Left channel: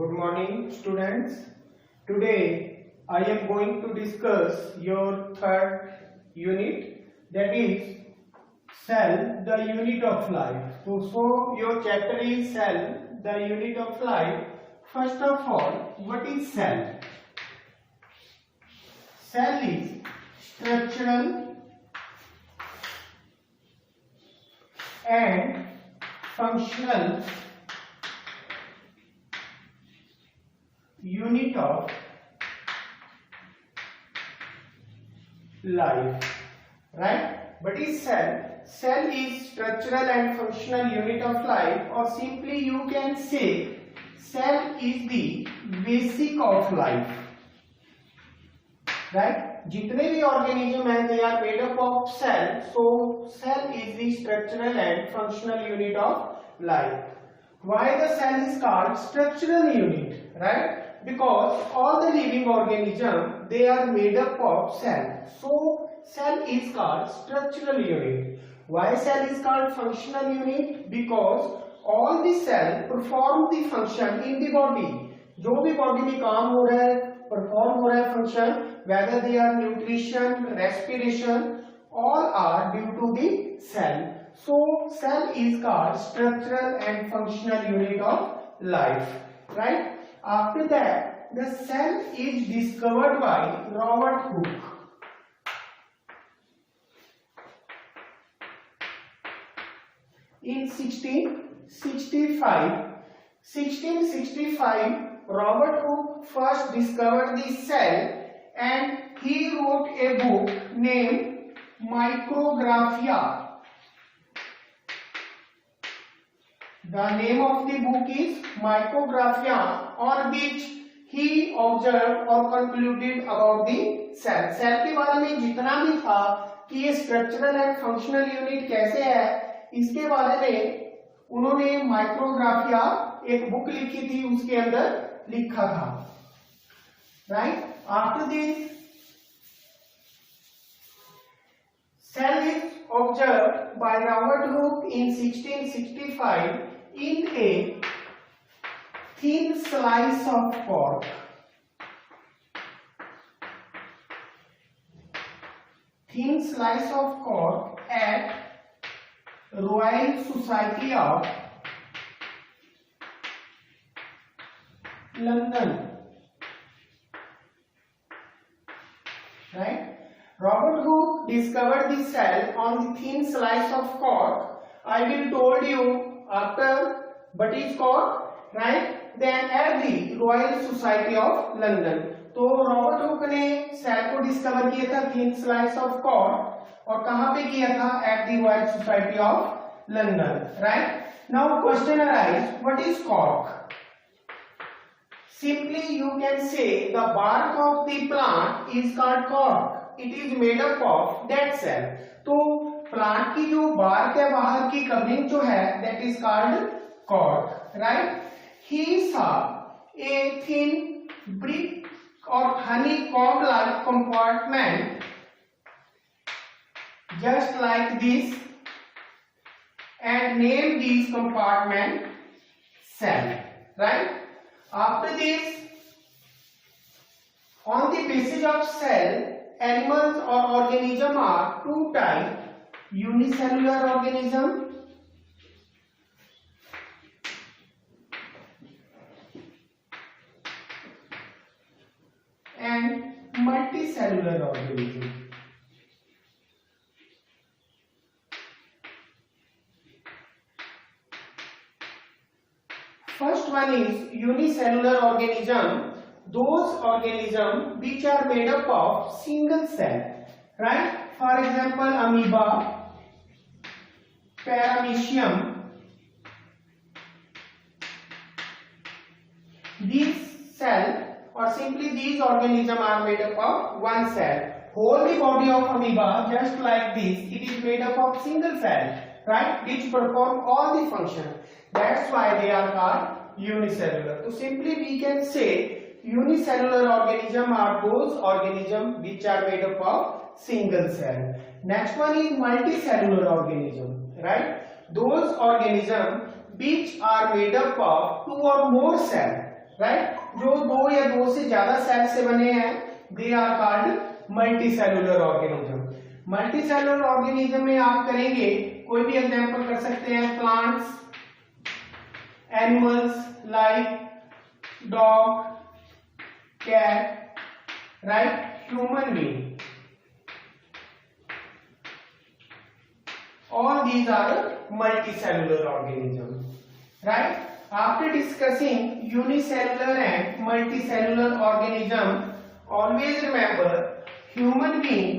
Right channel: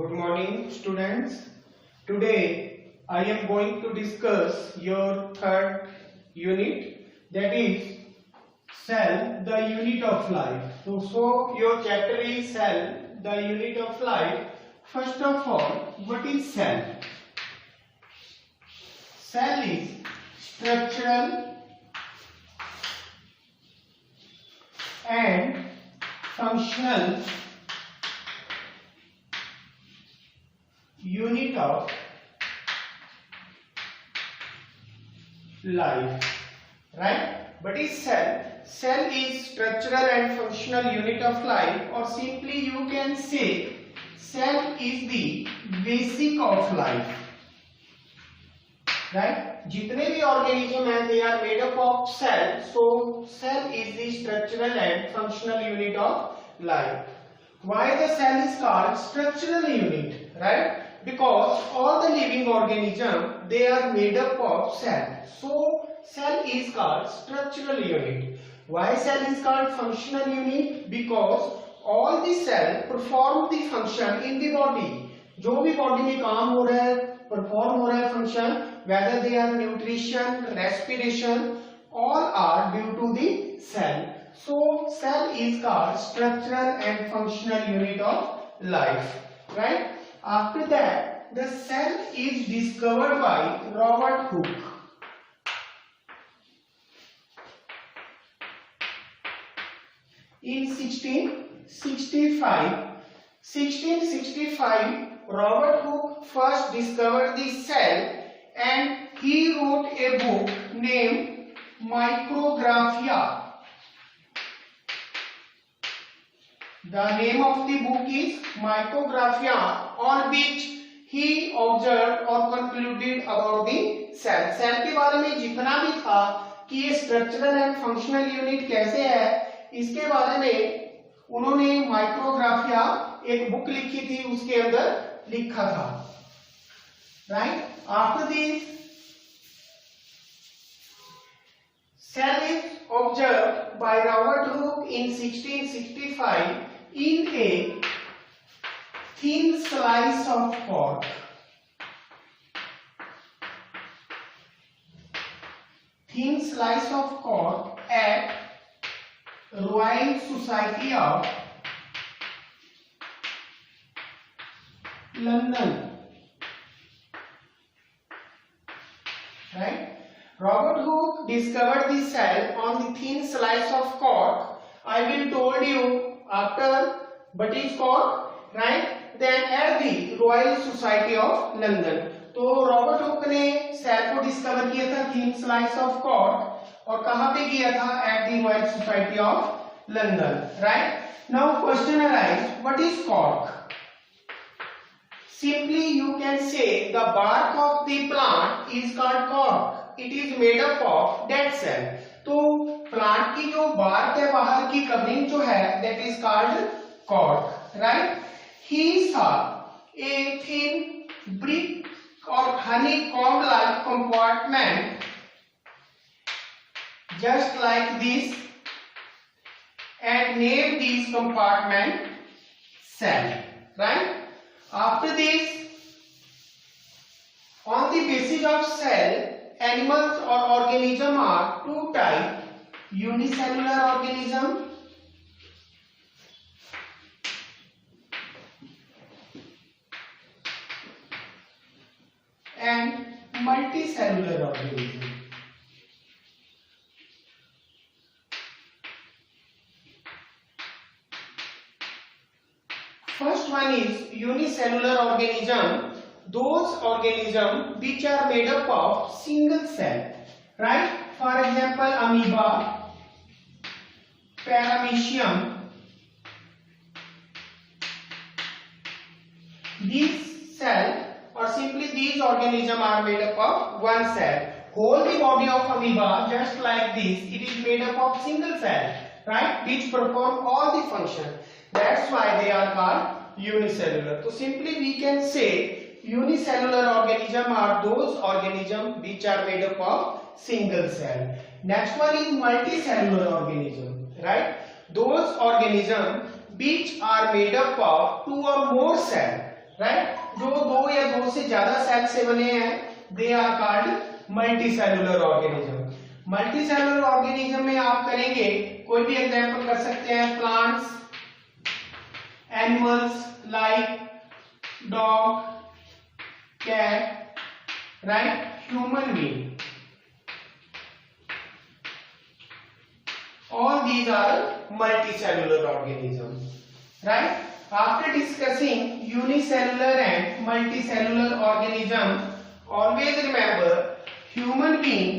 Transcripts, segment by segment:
Good morning, students. Today I am going to discuss your third unit, that is cell, the unit of life. So your chapter is cell, the unit of life. First of all, what is cell? Cell is structural and functional unit of life, right? What is cell? Cell is structural and functional unit of life, or simply you can say cell is the basic of life, right? जितने भी organism हैं, they are made up of cell. So cell is the structural and functional unit of life. Why the cell is called structural unit, right? Because all the living organism, they are made up of cell. So cell is called structural unit. Why cell is called functional unit? Because all the cell perform the function in the body. जो भी body में काम हो रहा है, perform हो रहा है function, whether they are nutrition, respiration, all are due to the cell. So cell is called structural and functional unit of life, right? After that, the cell is discovered by Robert Hooke. In 1665, Robert Hooke first discovered the cell and he wrote a book named Micrographia. The name of the book is Micrographia, on which he observed or concluded about the cell. Cell के बारे में जितना भी था कि ये structural and functional unit कैसे है, इसके बारे में उन्होंने माइक्रोग्राफिया एक बुक लिखी थी, उसके अंदर लिखा था, right? After this cell is observed by Robert Hooke in 1665 in a thin slice of cork. Thin slice of cork at Royal Society of London, right? Robert Hooke discovered the cell on the thin slice of cork. I will told you after what is cork, right? Then at the Royal Society of London. तो Robert Hooke ने cell को discover किया था thin slice of cork, और कहाँ पे किया था? At the Royal Society of London, right? Now question arise, what is cork? Simply you can say the bark of the plant is called cork. It is made up of dead cell. तो plant की जो bark है, बाहर की covering जो है, that is called cork, right? He saw a thin brick or honeycomb like compartment just like this and named this compartment cell, right? After this, on the basis of cell, animals or organism are two types: unicellular organism and multicellular organism. First one is unicellular organism. Those organisms which are made up of single cell, right? For example, amoeba, paramecium. These cell or simply these organisms are made up of one cell. Whole the body of amoeba, just like this, it is made up of single cell, right? Which perform all the function. That's why they are called unicellular. So simply we can say unicellular organism are those organisms which are made up of single cell. Next one is multicellular organism, right? Those organisms which are made up of two or more cells, right. जो दो या दो से ज्यादा cell से बने हैं they are called multicellular organism. Multicellular organism में आप करेंगे, कोई भी एग्जांपल कर सकते हैं, plants, animals like dog, cat, right, human being, all these are multicellular organisms, right? After discussing unicellular and multicellular organisms, always remember human being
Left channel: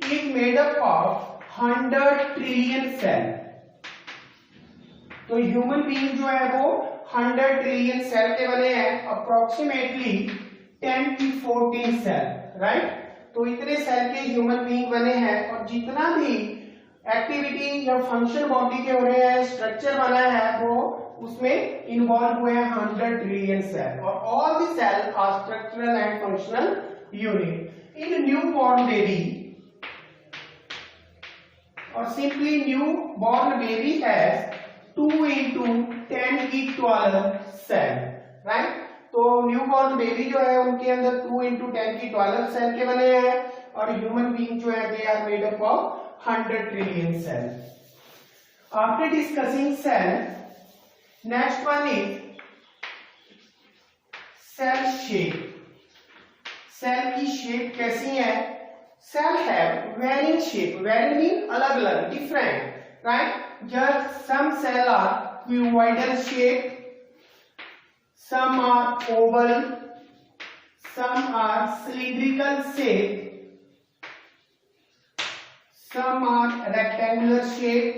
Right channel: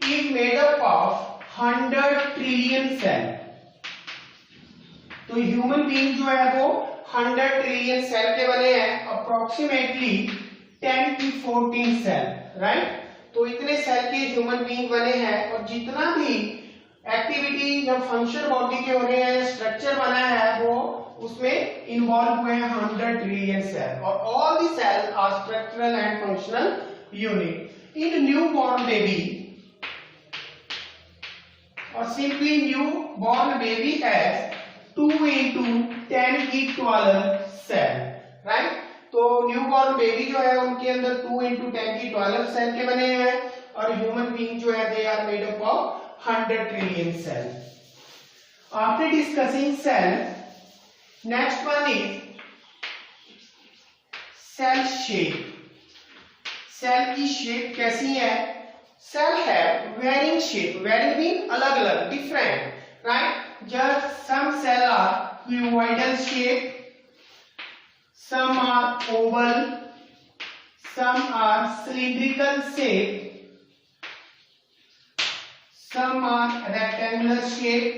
is made up of 100 trillion cell। तो human being जो है वो 100 trillion cell के बने हैं, approximately 10 to 14 cell, right. तो इतने cell के ह्यूमन बीइंग बने हैं, और जितना भी एक्टिविटी या फंक्शन बॉडी के हो रहे हैं, स्ट्रक्चर बना है, वो उसमें इन्वॉल्व हुए हैं 100 ट्रिलियन सेल, और all the cell are structural and functional unit. In new born baby और simply new born baby has 2 into 10 की 12 सेल, राइट। तो न्यूबॉर्न बेबी जो है उनके अंदर 2 into 10 की 12 सेल के बने हैं, और ह्यूमन बीइंग जो है they are made up of 100 trillion cell. After discussing cell, next one is cell shape. Cell की शेप कैसी है? Cell have varying shape, varying mean अलग अलग, different, right. Just some cell are cuboidal shape, some are oval, some are cylindrical shape, some are rectangular shape,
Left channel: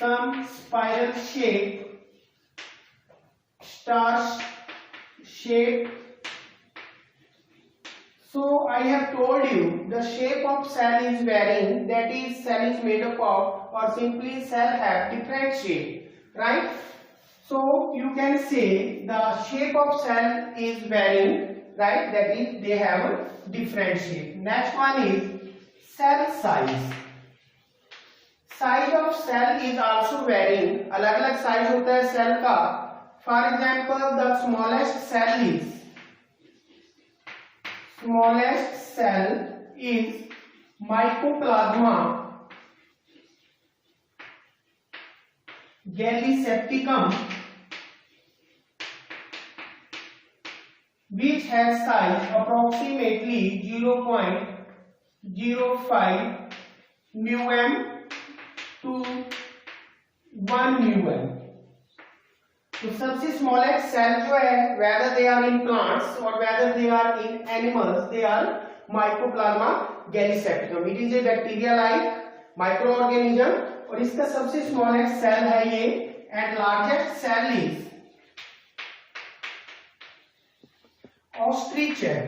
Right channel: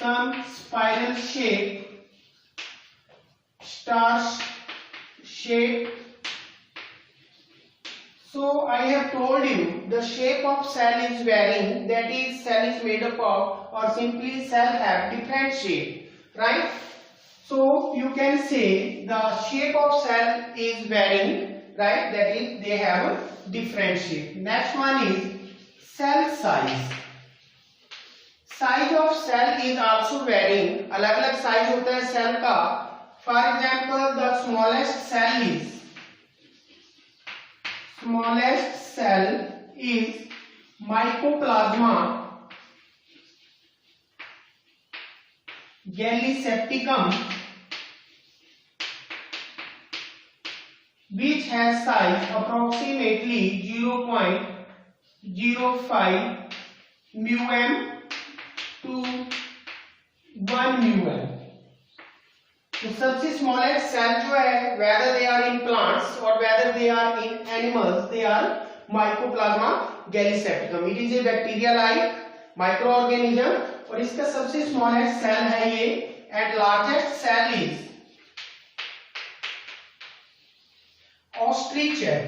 some spiral shape, star shape. So I have told you the shape of cell is varying, that is cell is made up of, or simply cell have different shape, right? So you can say the shape of cell is varying, right? That is they have different shape. Next one is cell size. Size of cell is also varying, अलग अलग size होता है cell का। For example, the smallest cell is mycoplasma gallisepticum, which has size approximately 0.05 μm to 1 μm। तो सबसे smallest cell जो है, whether they are in plants or whether they are in animals, they are mycoplasma gallisepticum। It is a bacteria like microorganism, और इसका सबसे smallest cell है ये, and largest cell is ostrich-egg।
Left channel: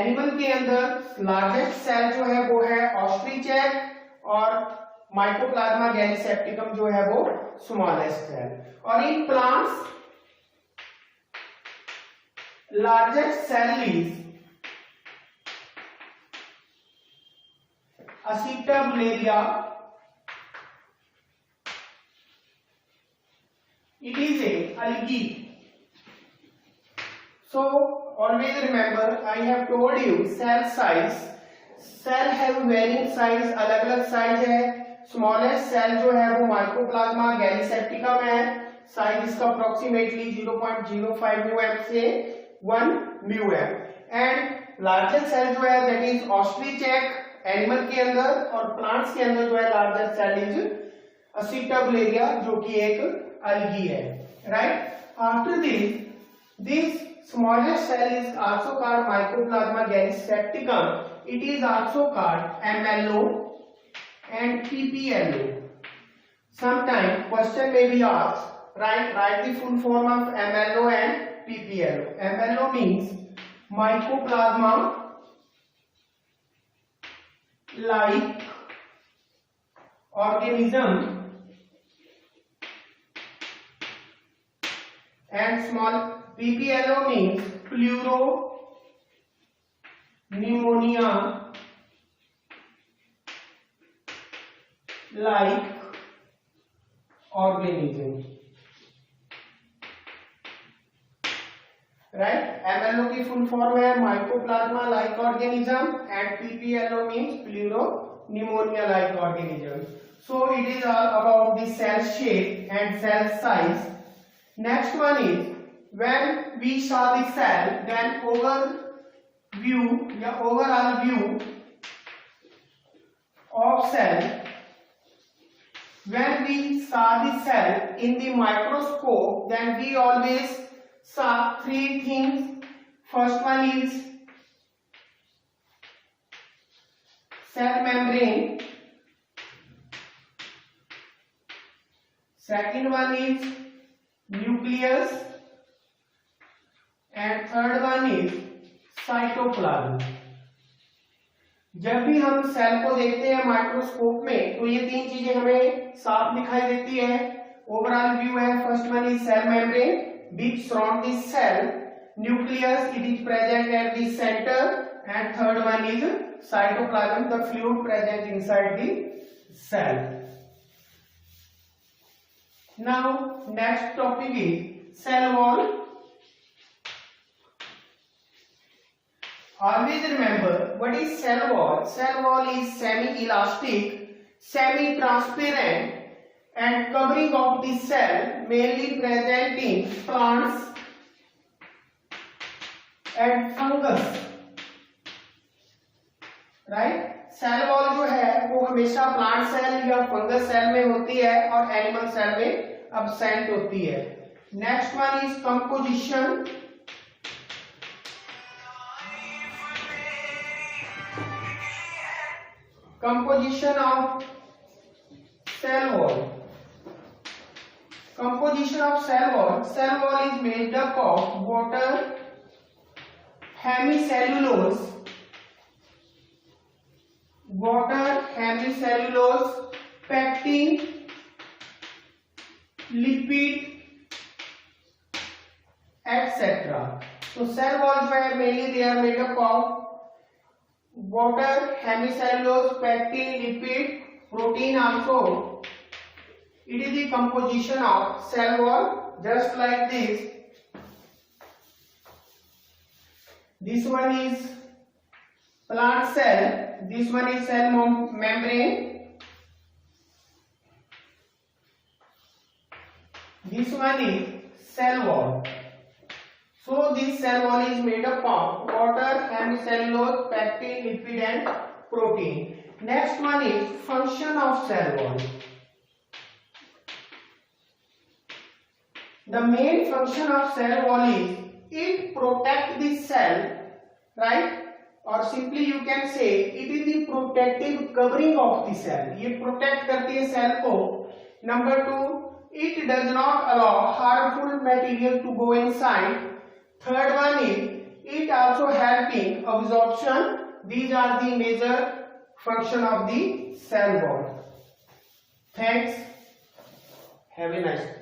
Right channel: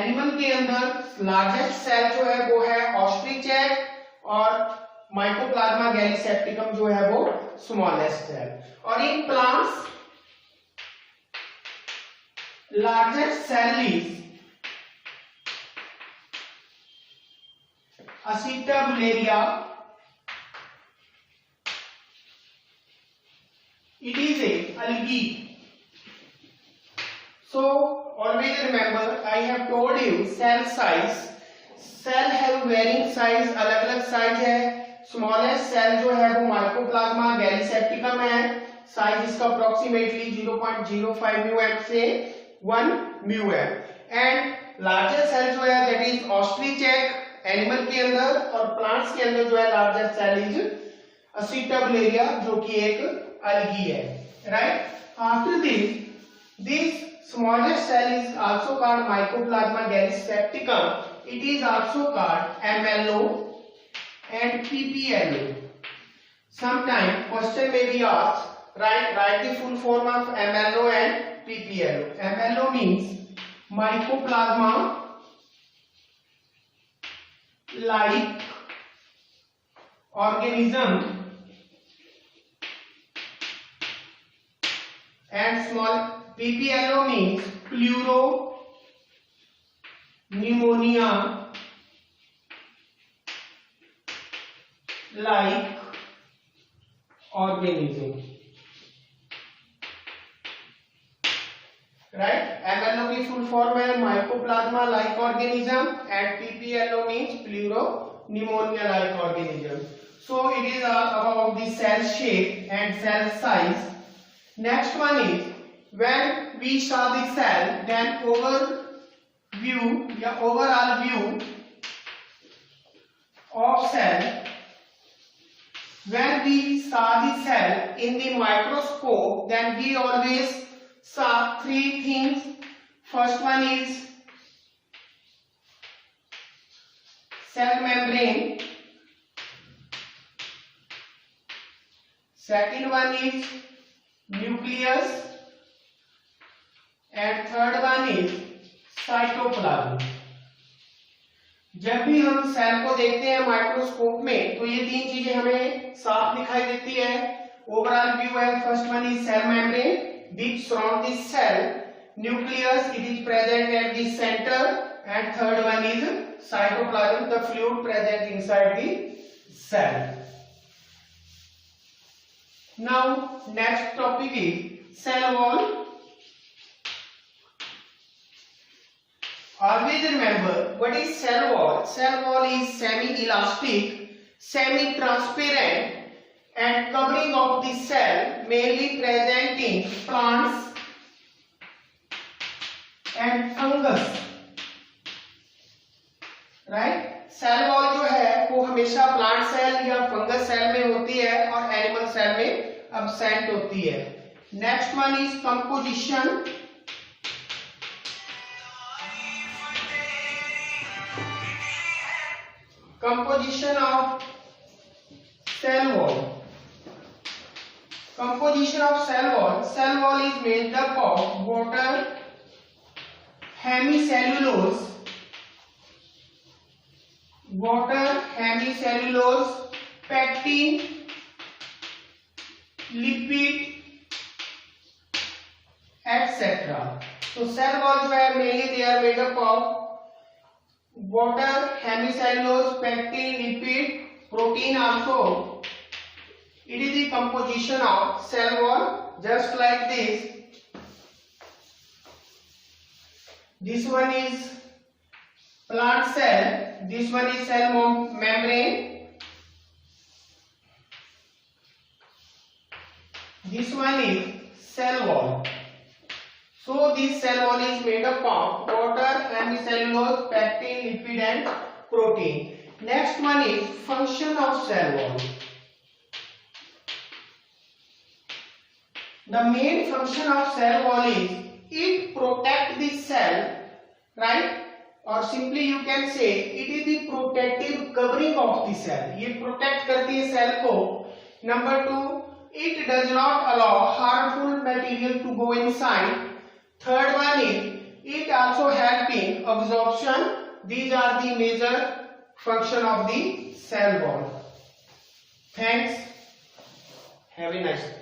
Animal के अंदर largest cell जो है वो है ostrich-egg, और माइकोप्लाज्मा गैलिसेप्टिकम जो है वो स्मॉलेस्ट है। और in plants largest cell is Acetabularia, it is a algae। So always remember I have told you cell size, cell have varying size, अलग अलग साइज है। स्मॉलेस्ट सेल जो है वो माइकोप्लाज्मा गैलिसेप्टिकम है, साइज इसका अप्रोक्सीमेटली 0.05 μm से 1 μm। एंड लार्जेस्ट सेल जो है दैट इज ऑस्ट्रिच-एग, एनिमल के अंदर, और प्लांट्स के अंदर जो है लार्जेस्ट सेल इज असिटाबुलेरिया, जो कि एक अलगी है, right. After this smallest cell is also called mycoplasma gallisepticum, it is also called MLO and PPLO। Sometime question may be asked, write the full form of MLO and PPLO। MLO means mycoplasma like organism, and small PPLO means pleuro pneumonia like organism, right? MLO की full form है mycoplasma like organism and PPLO means pleuropneumonia like organism. So it is all about the cell shape and cell size. Next one is when we saw the cell, then overview या overall view of cell. When we saw the cell in the microscope, then we always saw three things. First one is cell membrane. Second one is nucleus. And third one is cytoplasm. जब भी हम cell को देखते हैं microscope में तो ये तीन चीजें हमें साफ दिखाई देती है. ओवरऑल व्यू है. First one is cell membrane which surround the cell. Nucleus, it is present at the center. And third one is cytoplasm, the fluid present inside the cell. Now next topic is cell wall. Always remember what is cell wall. Cell wall is semi-elastic, semi-transparent and covering of the cell, mainly present in plants and fungus. Right? Cell wall जो है वो हमेशा plant cell या fungus cell में होती है और animal cell में अब्सेंट होती है. Next one is composition. Composition of cell wall. Composition of cell wall. Cell wall is made up of water, hemicellulose, pectin, lipid, etc. So cell wall जो है mainly they are made up of water, hemicellulose, pectin, lipid, protein also. It is the composition of cell wall just like this. This one is plant cell, this one is cell membrane, this one is cell wall. So this cell wall is made up of water, hemicellulose, pectin, lipid and protein. Next one is function of cell wall. The main function of cell wall is it protect the cell, right? Or simply you can say it is the protective covering of the cell. ये protect करती है cell को. Number 2, it does not allow harmful material to go inside. Third one is it also help in absorption. These are the major function of the cell wall. Thanks. Have a nice day.